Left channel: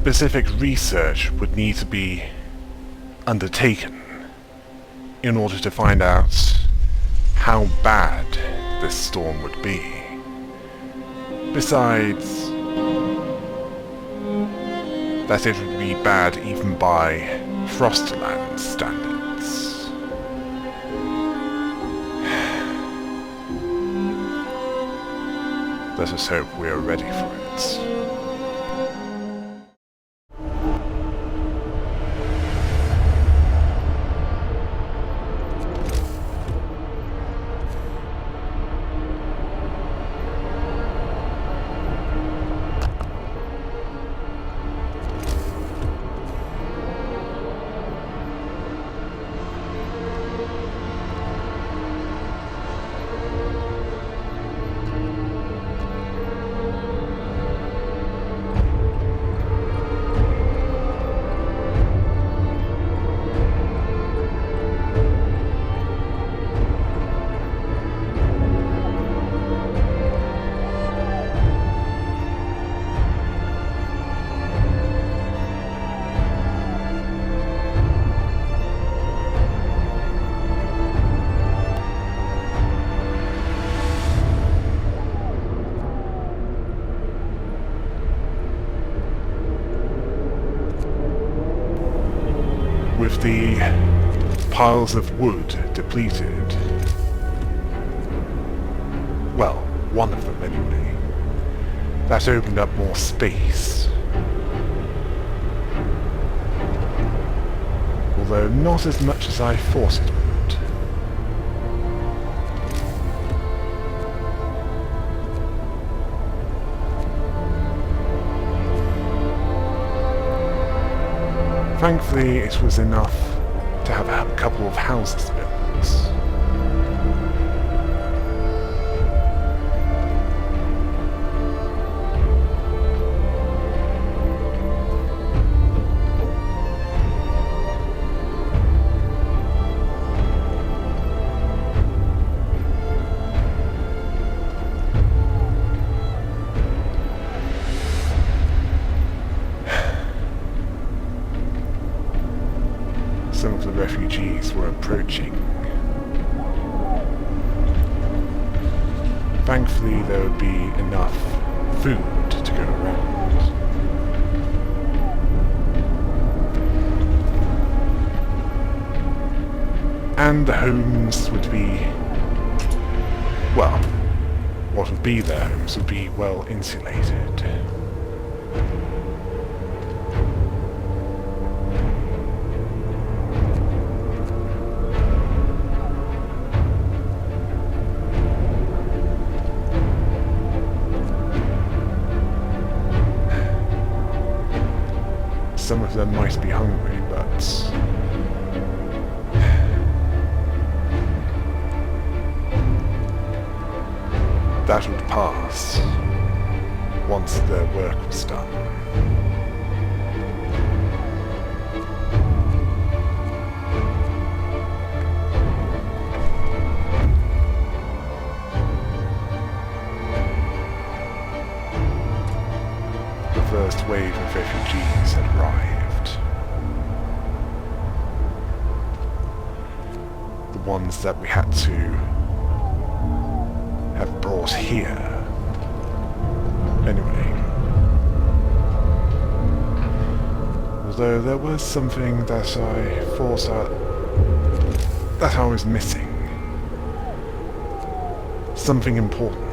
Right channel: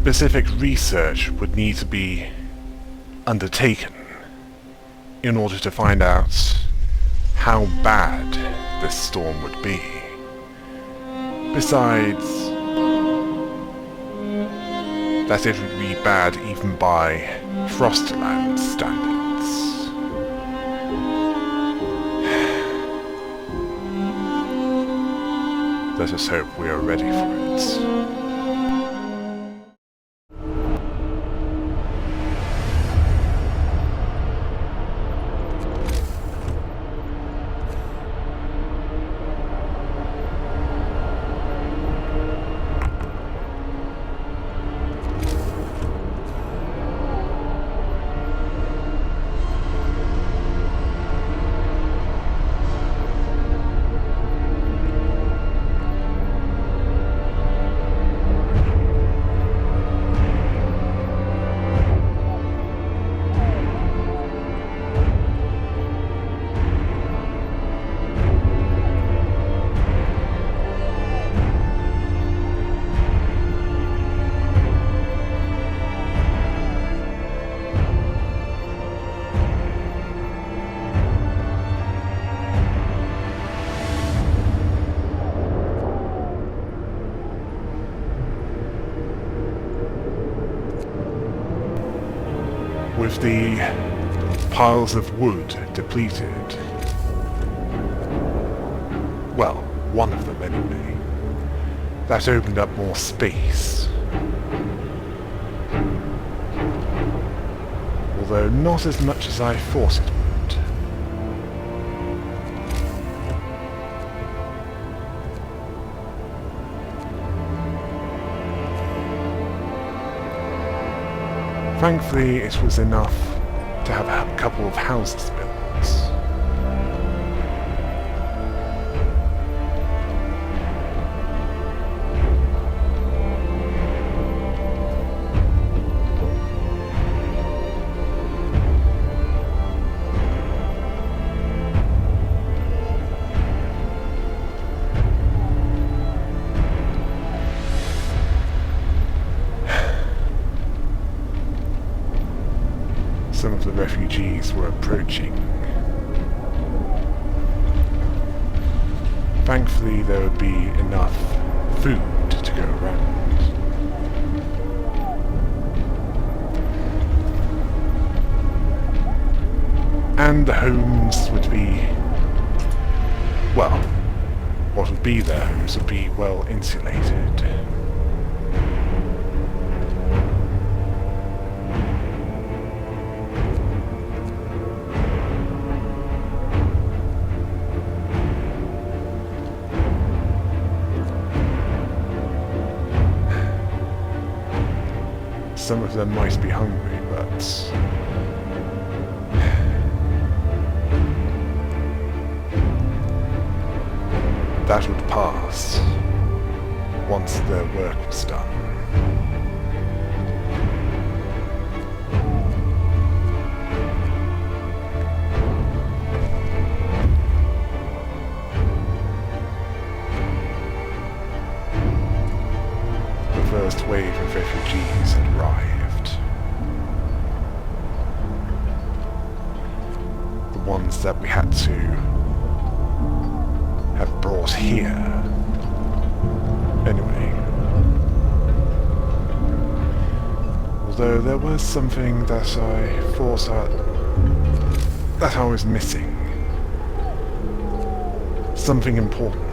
specific research would need to be undertaken in order to find out how bad this storm would be. Besides, that it would be bad even by Frostland standards. Let us hope we are ready for it. With the piles of wood depleted, well, one of them anyway, that opened up more space. Although not as much as I thought it would. Thankfully, it was enough to have a couple of houses built. Some of the refugees were approaching. Thankfully, there would be enough food to go around. And the homes would be, well, what would be their homes would be well insulated. Some of them might be hungry, but that would pass once their work was done. The first wave of refugees had arrived. The ones that we had to have brought here. Anyway. Although there was something that I thought that I was missing. Something important.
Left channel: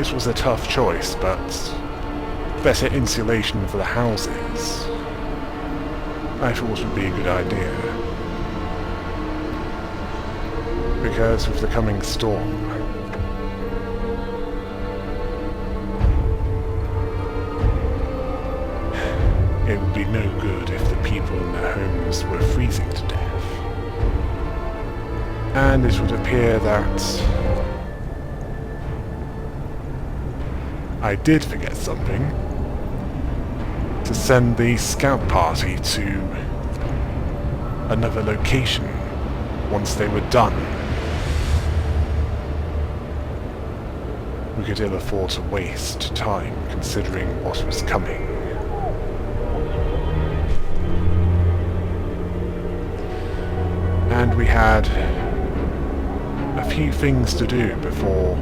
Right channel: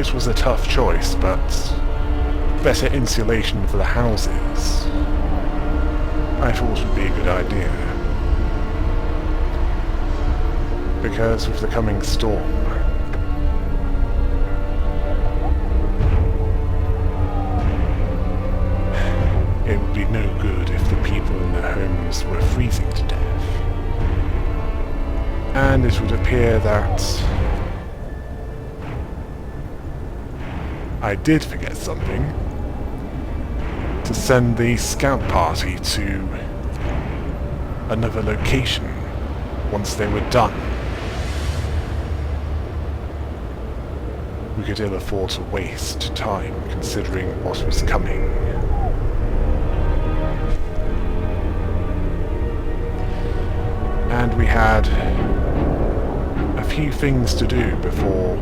it was a tough choice, but better insulation for the houses, I thought would be a good idea. Because with the coming storm, it would be no good if the people in their homes were freezing to death. And it would appear that I did forget something. To send the scout party to another location once they were done. We could ill afford to waste time considering what was coming. And we had a few things to do before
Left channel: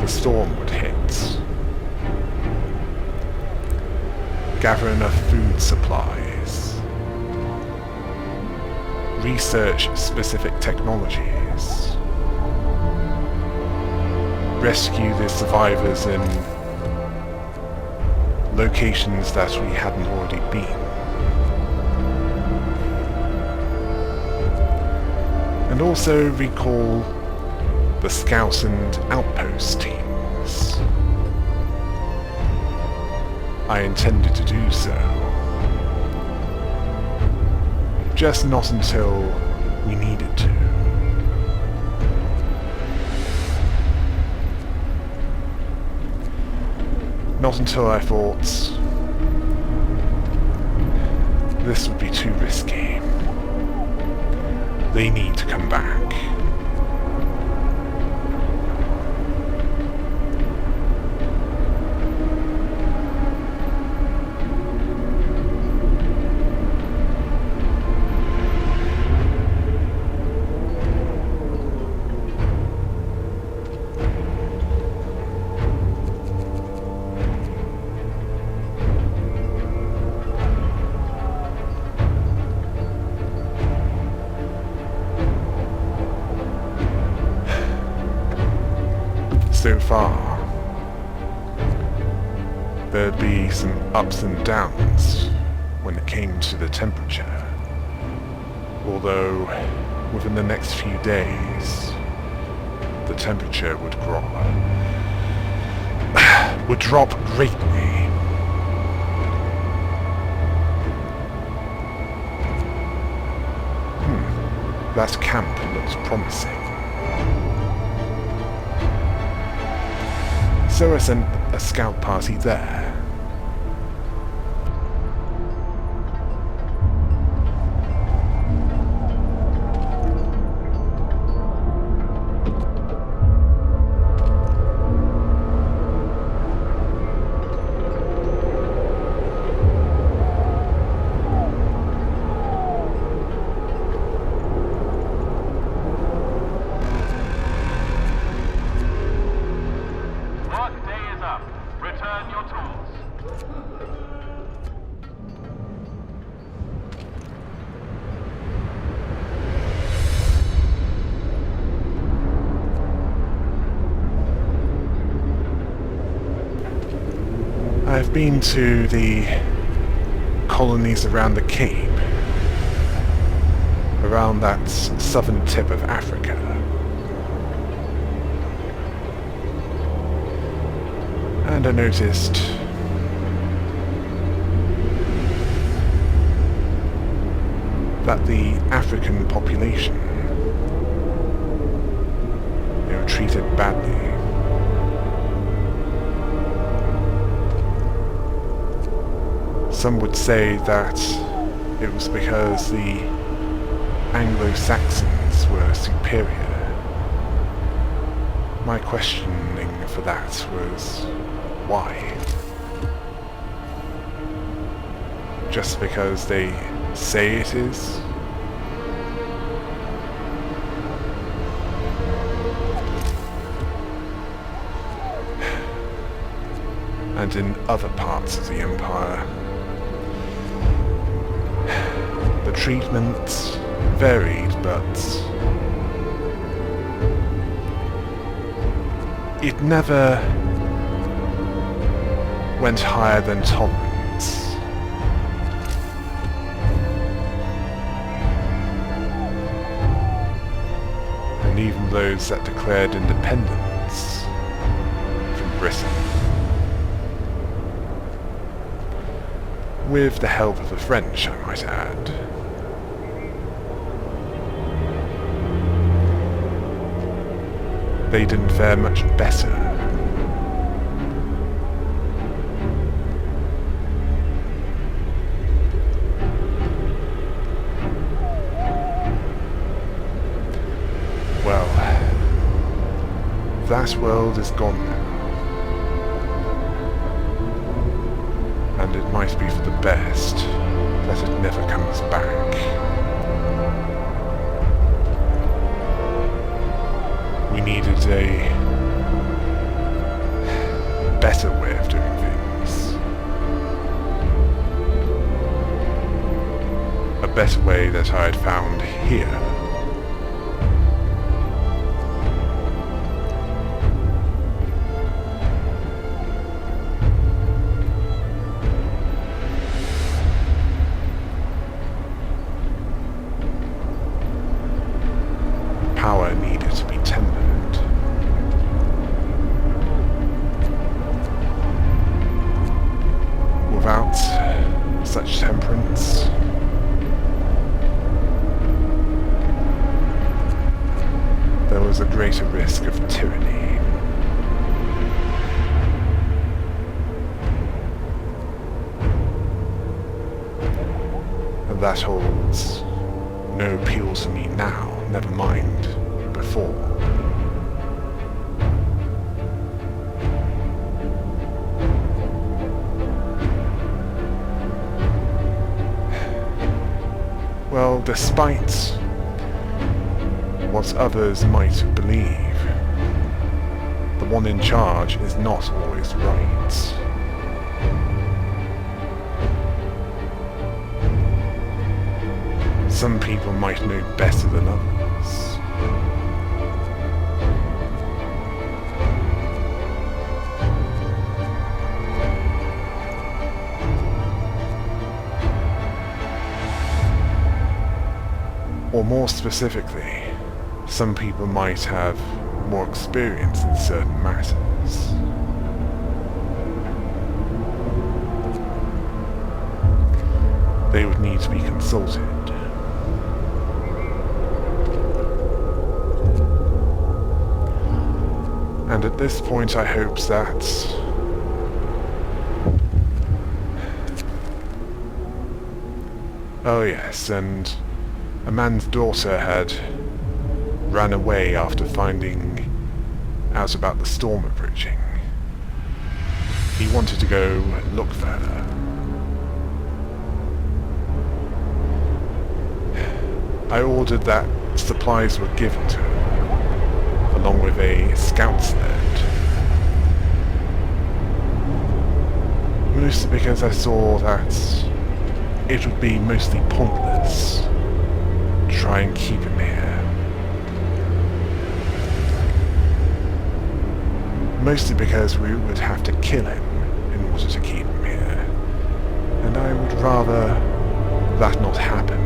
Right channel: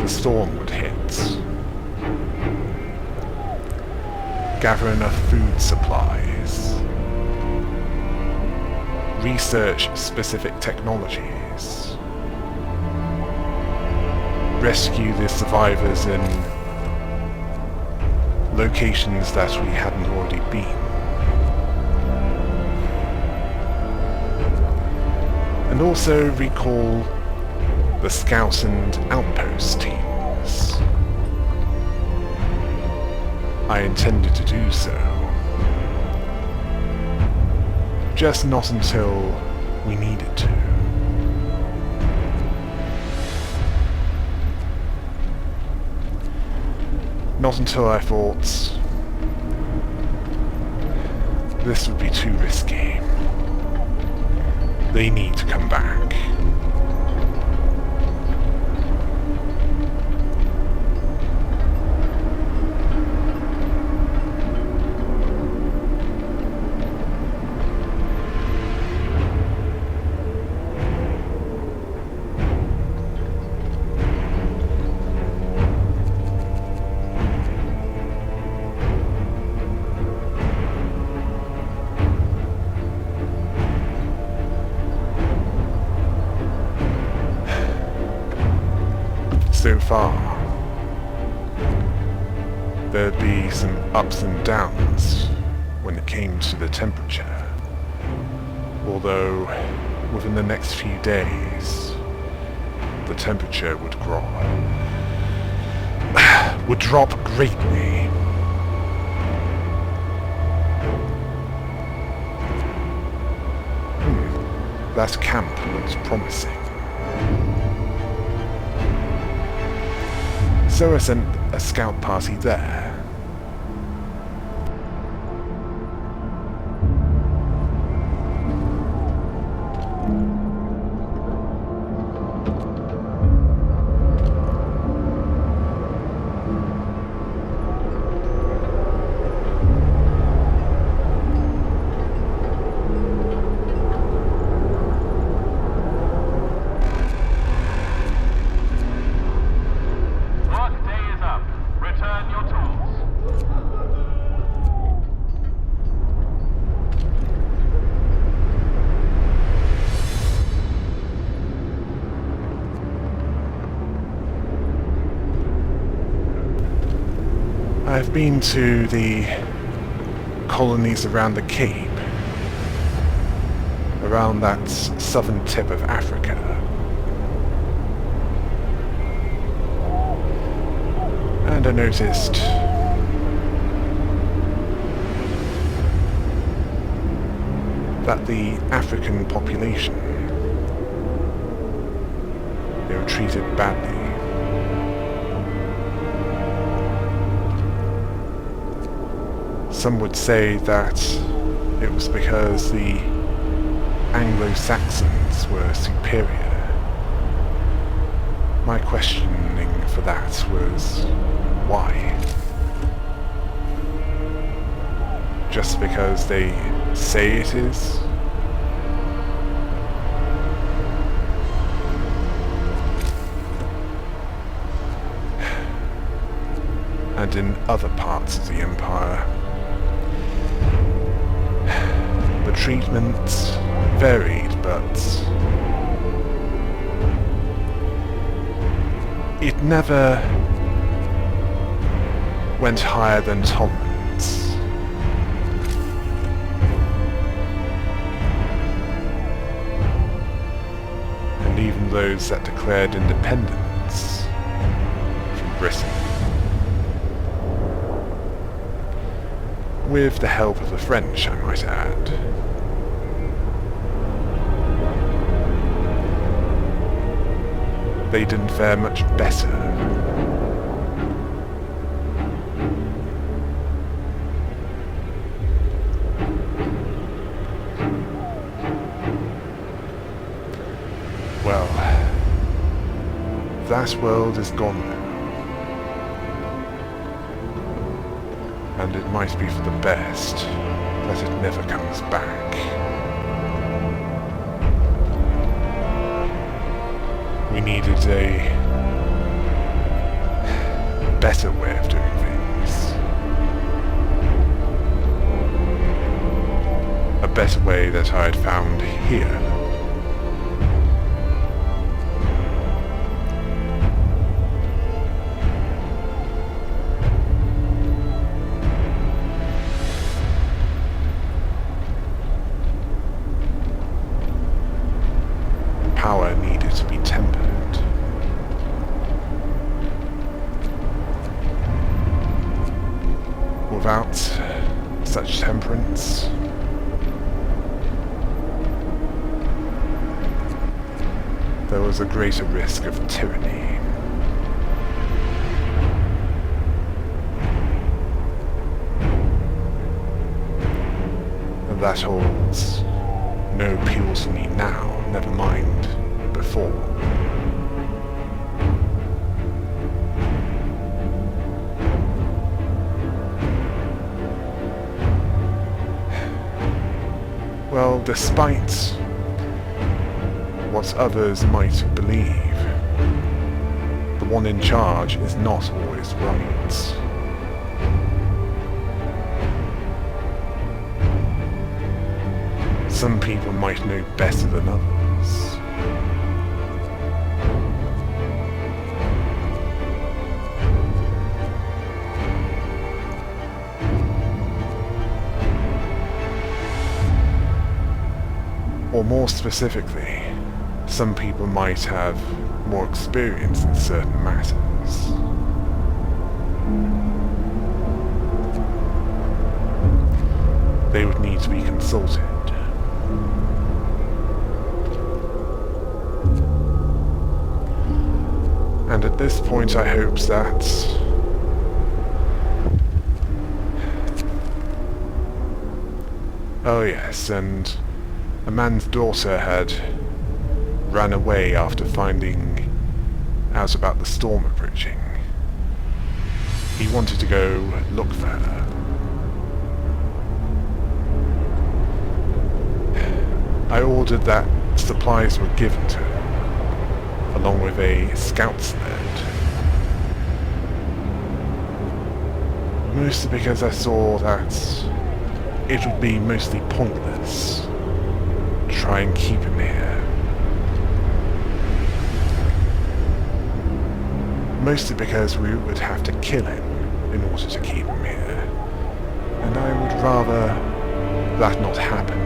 the storm would hit. Gather enough food supplies. Research specific technologies. Rescue the survivors in locations that we hadn't already been. And also recall the Scouts and Outpost teams. I intended to do so. Just not until we needed to. Not until I thought this would be too risky. They need to come back. So far, there'd be some ups and downs when it came to the temperature. Although, within the next few days, the temperature would drop greatly. That camp looks promising. So I sent a scout party there. I've been to the colonies around the Cape, around that southern tip of Africa. And I noticed that the African population, they were treated badly. Some would say that it was because the Anglo-Saxons were superior. My questioning for that was, why? Just because they say it is? And in other parts of the Empire, the treatment varied, but it never went higher than tolerance. And even those that declared independence from Britain, with the help of the French, I might add, they didn't fare much better. Well, that world is gone now. And it might be for the best that it never comes back. We needed a better way of doing things. A better way that I had found here. Power needed to be tempered. Without such temperance, there was a greater risk of tyranny. And that holds no appeal to me now, never mind before. Well, despite what others might believe, the one in charge is not always right. Some people might know better than others. Or more specifically, some people might have more experience in certain matters. They would need to be consulted. And at this point I hoped that oh yes, and a man's daughter had ran away after finding out about the storm approaching. He wanted to go look for her. I ordered that supplies were given to her, along with a scout sled. Mostly because I saw that it would be mostly pointless to try and keep him here. Mostly because we would have to kill him in order to keep him here. And I would rather that not happen,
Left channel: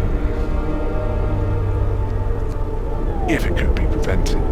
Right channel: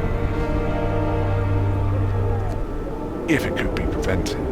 if it could be prevented.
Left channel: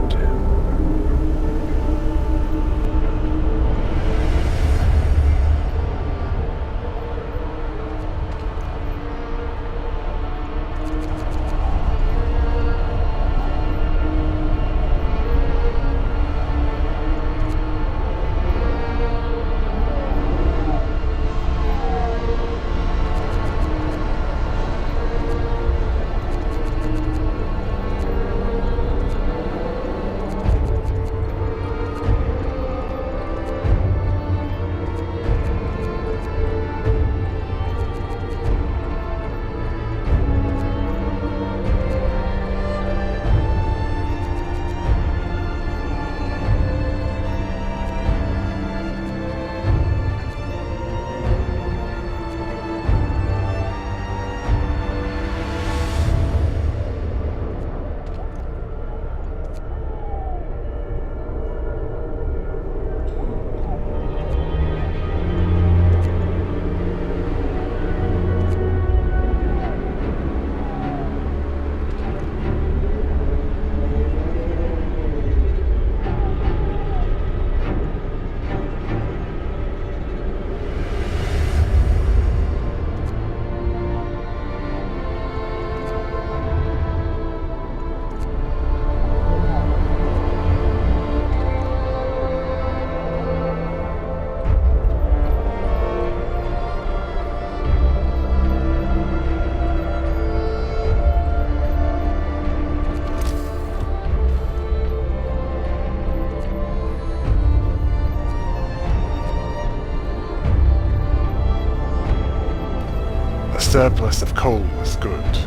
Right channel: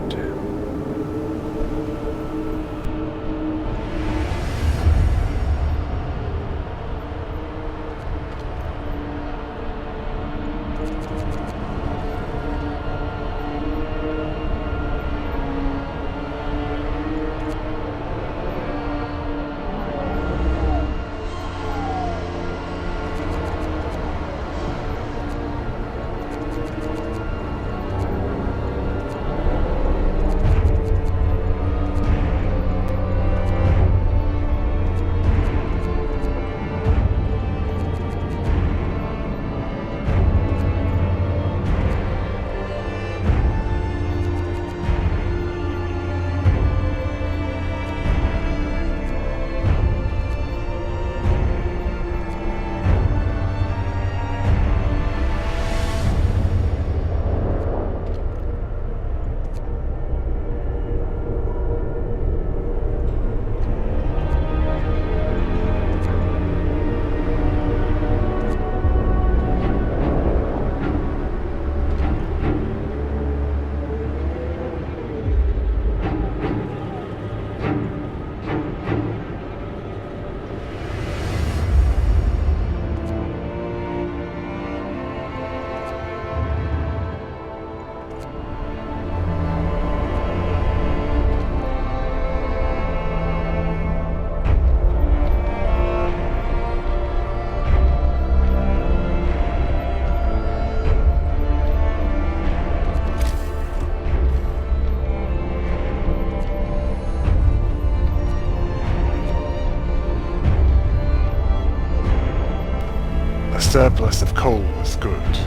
surplus of coal was good,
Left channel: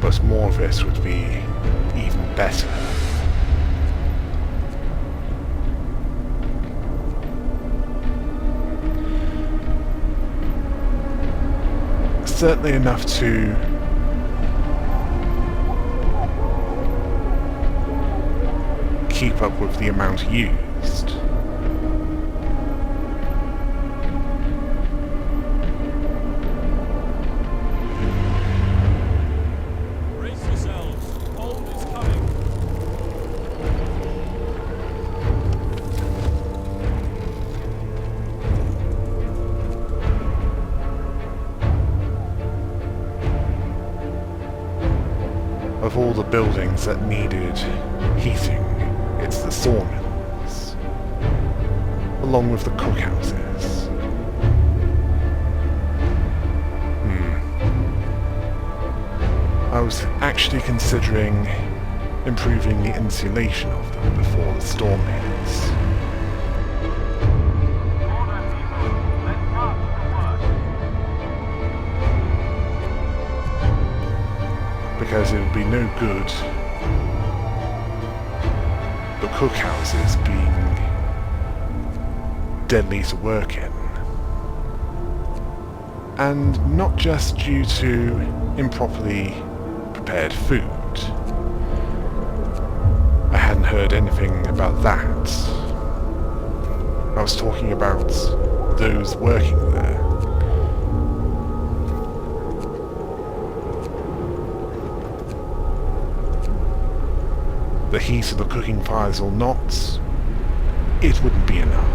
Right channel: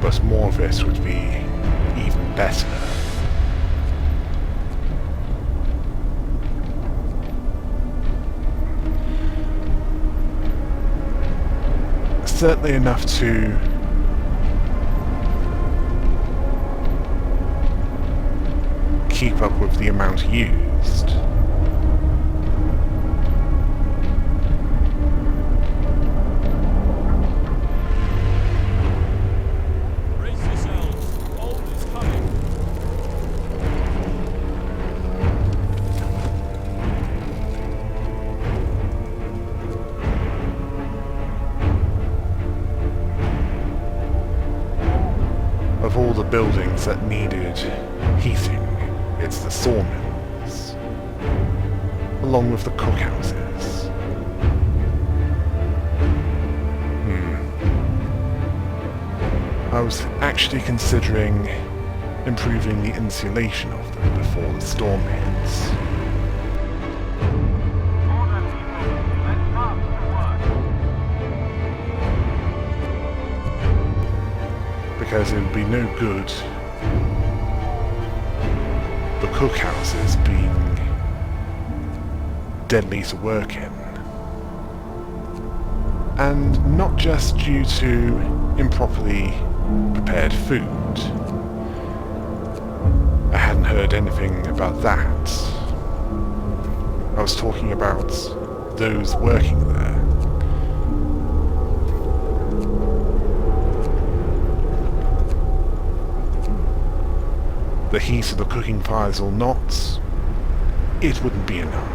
but more of it would be even better. Certainly enough to keep up with the amount used. Brace yourselves. Cold is coming. Of all the buildings that needed heating, it's the sawmills, along with the cookhouses. I was actually considering improving the insulation of them before the storm hits. Order, people. Let's march to work. Because it would be no good the cookhouses being deadly to work in. And not just due to improperly prepared food. I hadn't heard anything about that. I was talking about those working there. The heat of the cooking fires or not, it wouldn't be enough.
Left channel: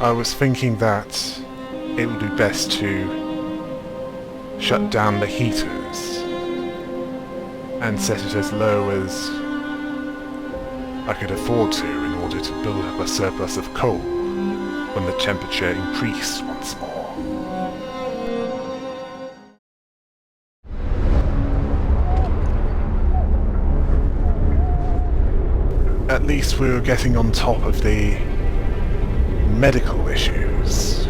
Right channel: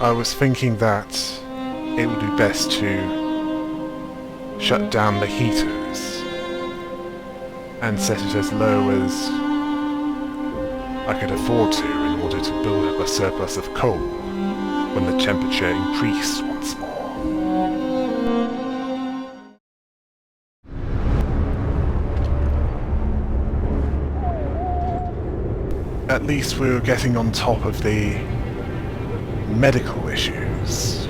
I was thinking that it would be best to shut down the heaters and set it as low as I could afford to in order to build up a surplus of coal when the temperature increased once more. At least we were getting on top of the medical issues.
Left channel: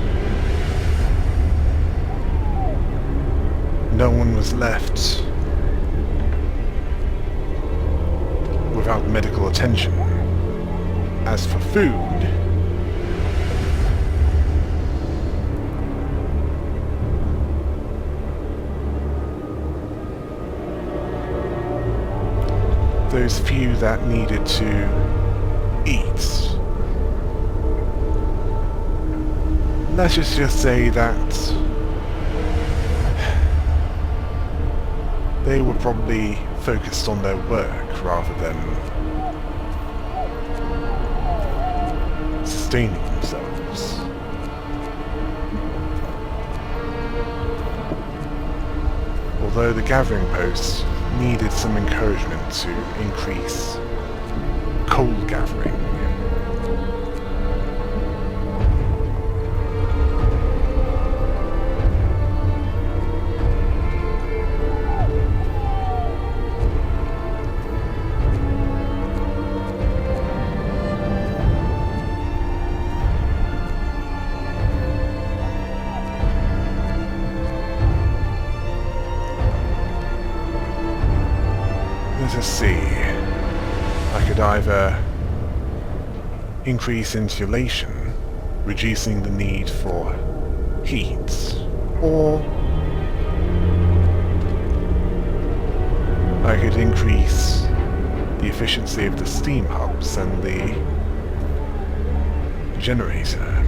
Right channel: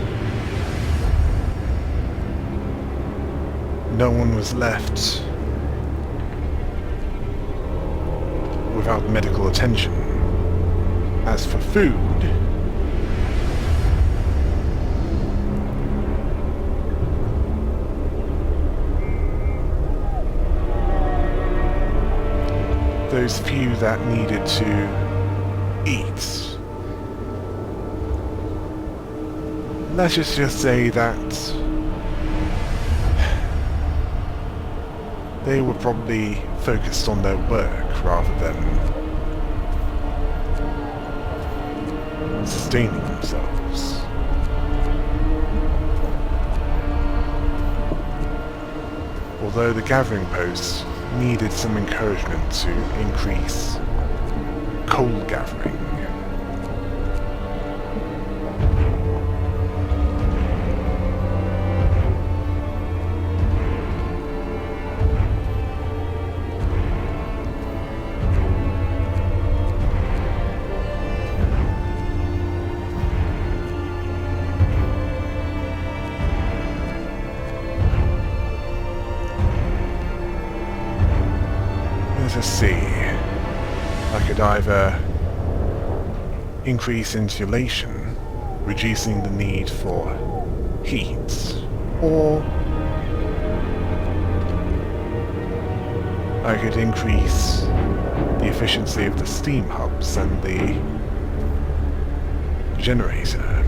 No one was left without medical attention. As for food, those few that needed to eat, let's just say that they were probably focused on their work rather than sustaining themselves. Although the gathering post needed some encouragement to increase coal gathering. See, I could either increase insulation, reducing the need for heat, or I could increase the efficiency of the steam hubs and the generator.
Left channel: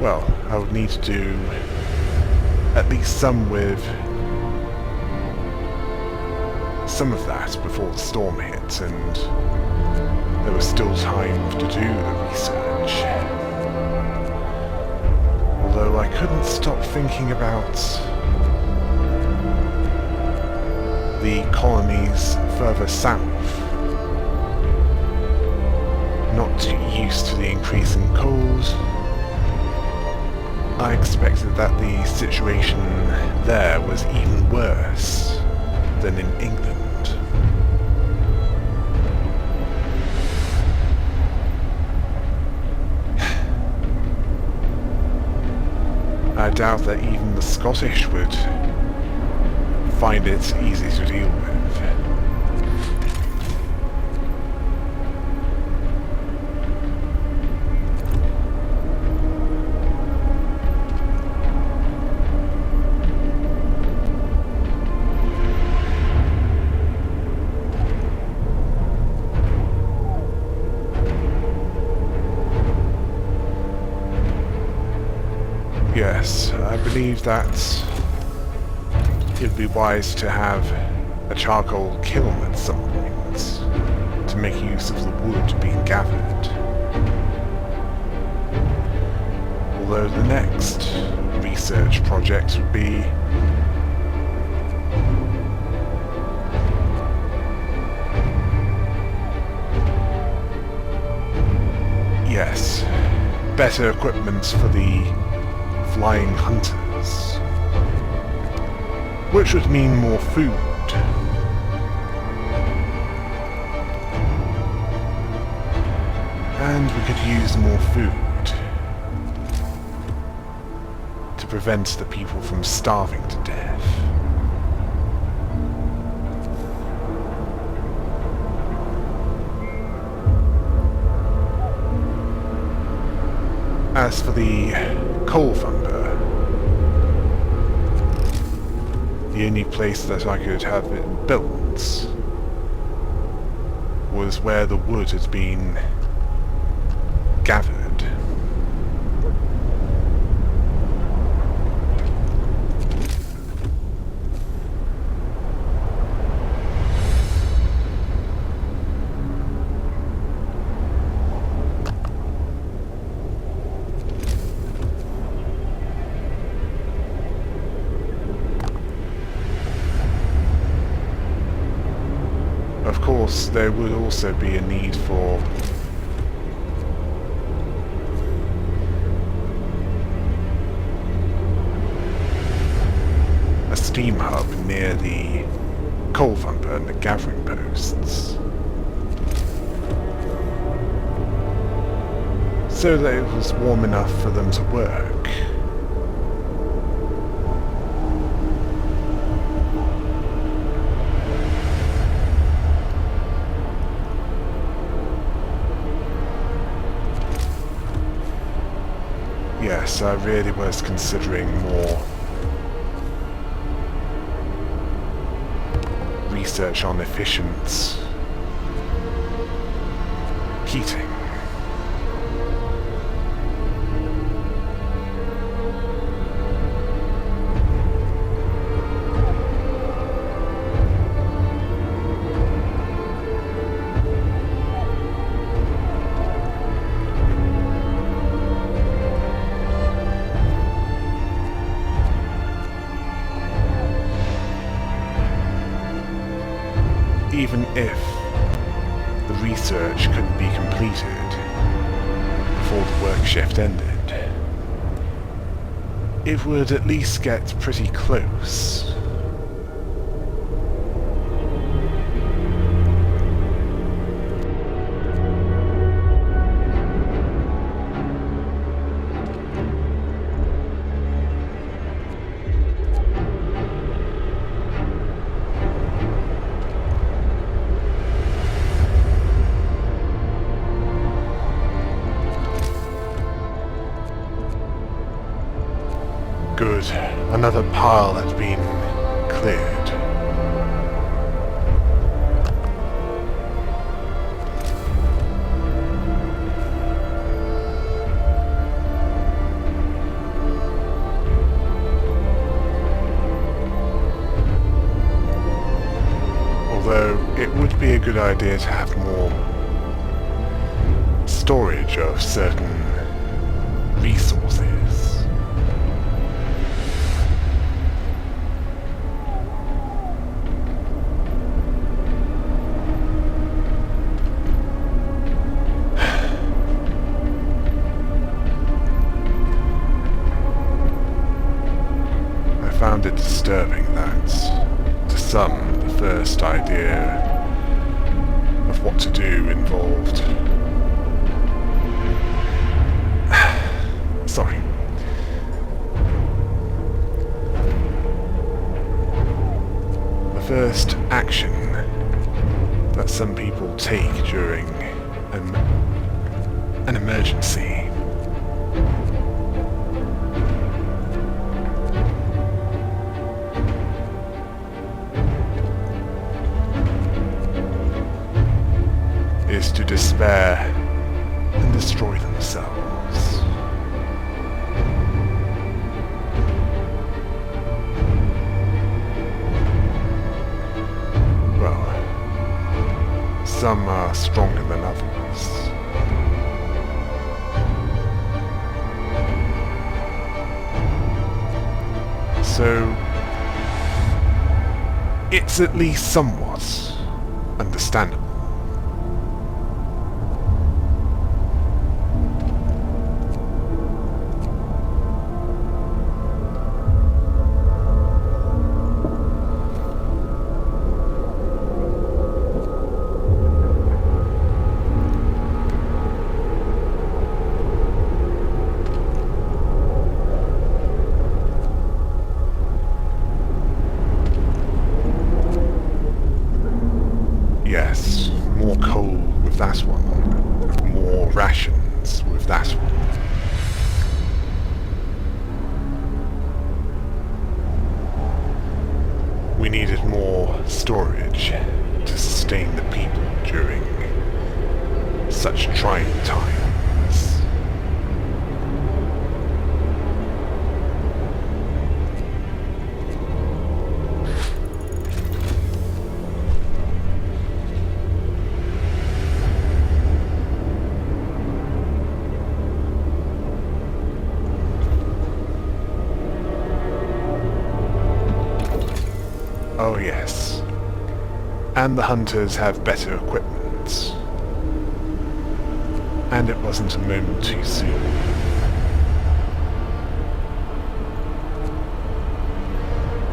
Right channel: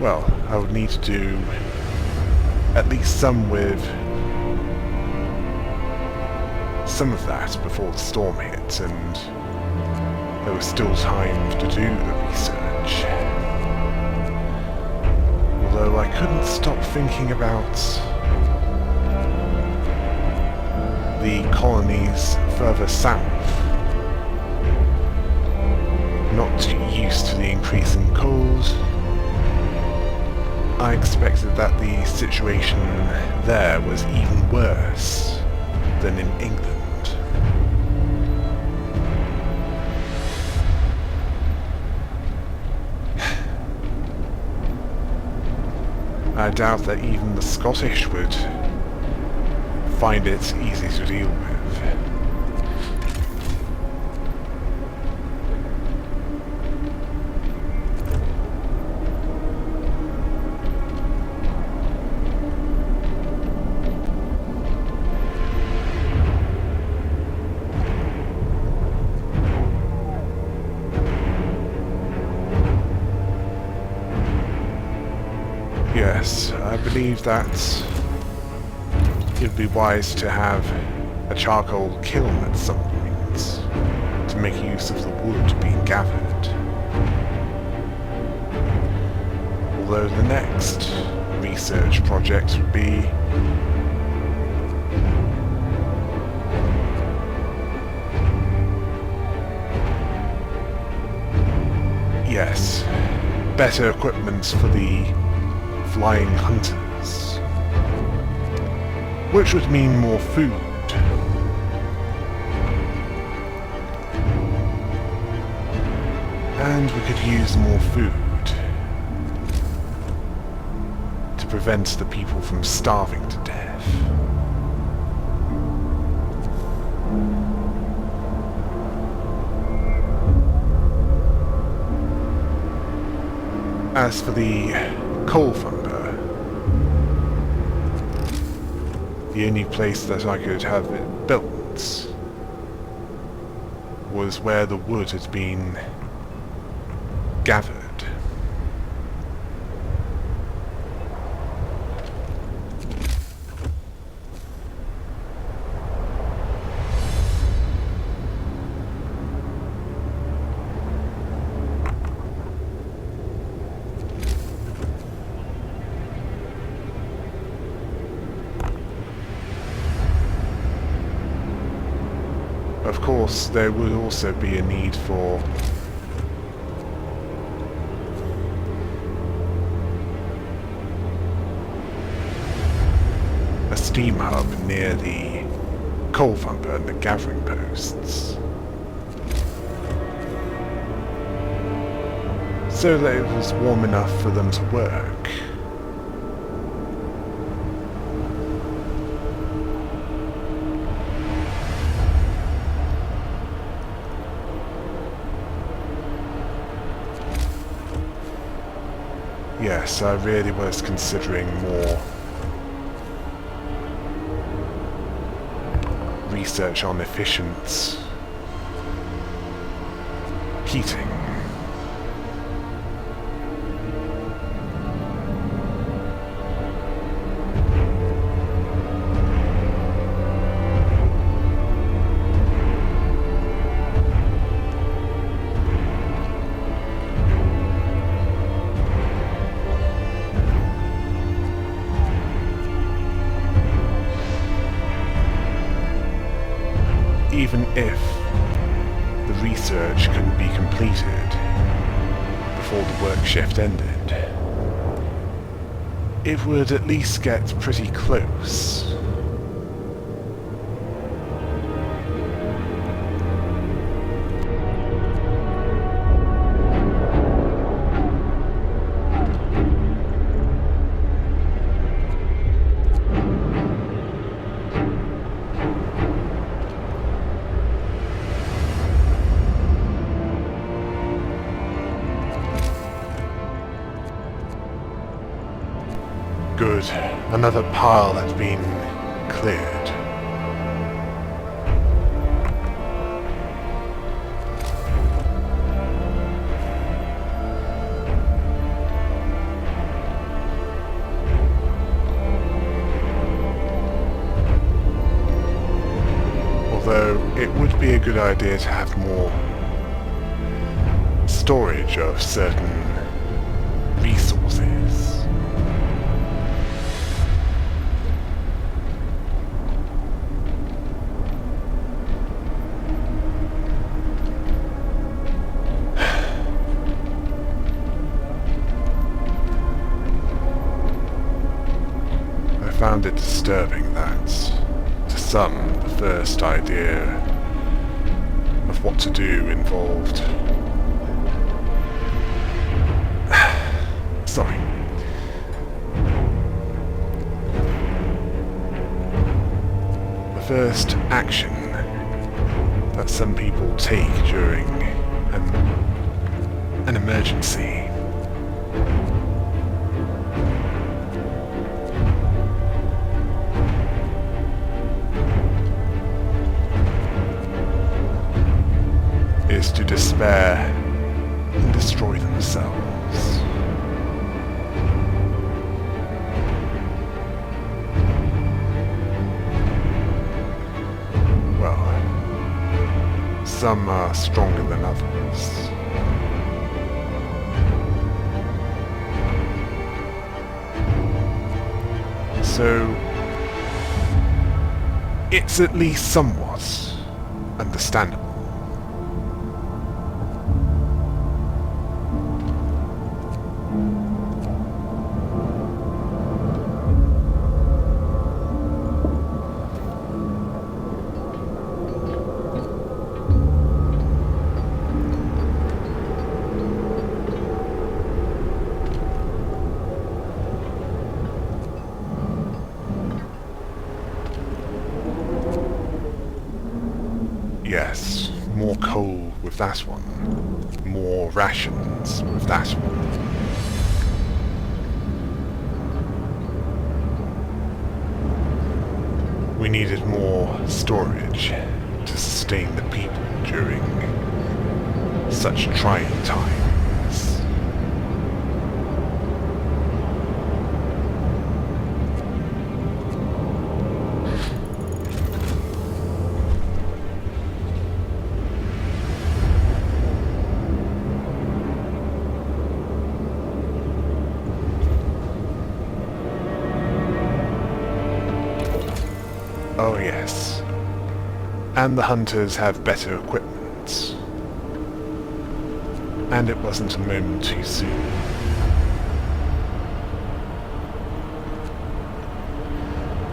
Well, I would need to do at least some with some of that before the storm hit, and there was still time to do the research. Although I couldn't stop thinking about the colonies further south. Not too used to the increasing cold, I expected that the situation there was even worse than in England. I doubt that even the Scottish would find it easy to deal with. Yes, I believe that it would be wise to have a charcoal kiln at some point to make use of the wood being gathered. Although the next research project would be yes, better equipment for the flying hunters, which would mean more food. And we could use more food to prevent the people from starving to death. As for the coal thunder, the only place that I could have it built was where the wood had been gathered. Of course, there would also be a need for a steam hub near the coal thunder and the gathering posts, so that it was warm enough for them to work. Yes, I really was considering more research on efficient heating. Even if the research couldn't be completed before the work shift ended, it would at least get pretty close. Good. Another pile that's been cleared. Although it would be a good idea to have more storage of certain resources. I found it disturbing that, to some, the first idea of what to do involved... Sorry. The first action that some people take during an emergency is to despair and destroy themselves. Well, some are stronger than others. So, it's at least somewhat understandable. Yes, more coal with that one. More rations with that one. We needed more storage to sustain the people during such trying times. Oh yes. And the hunters have better equipment. And it wasn't a moment too soon.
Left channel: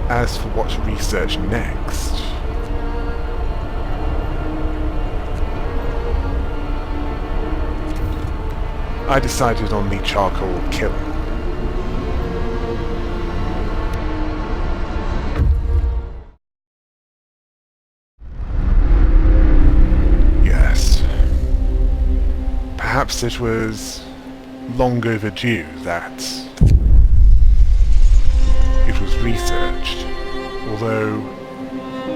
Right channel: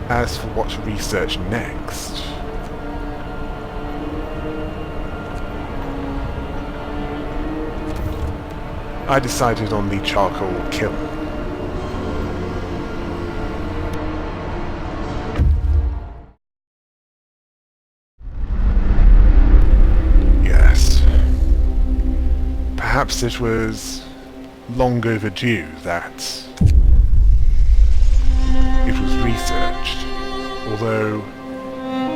As for what to research next... I decided on the charcoal kiln. Perhaps it was long overdue that it was researched, although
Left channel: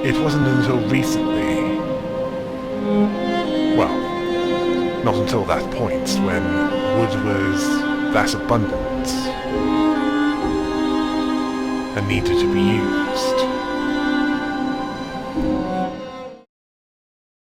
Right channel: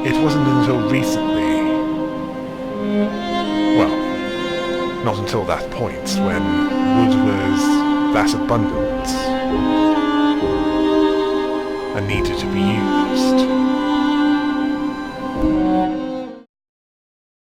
it wasn't until recently, well, not until that point when wood was that abundant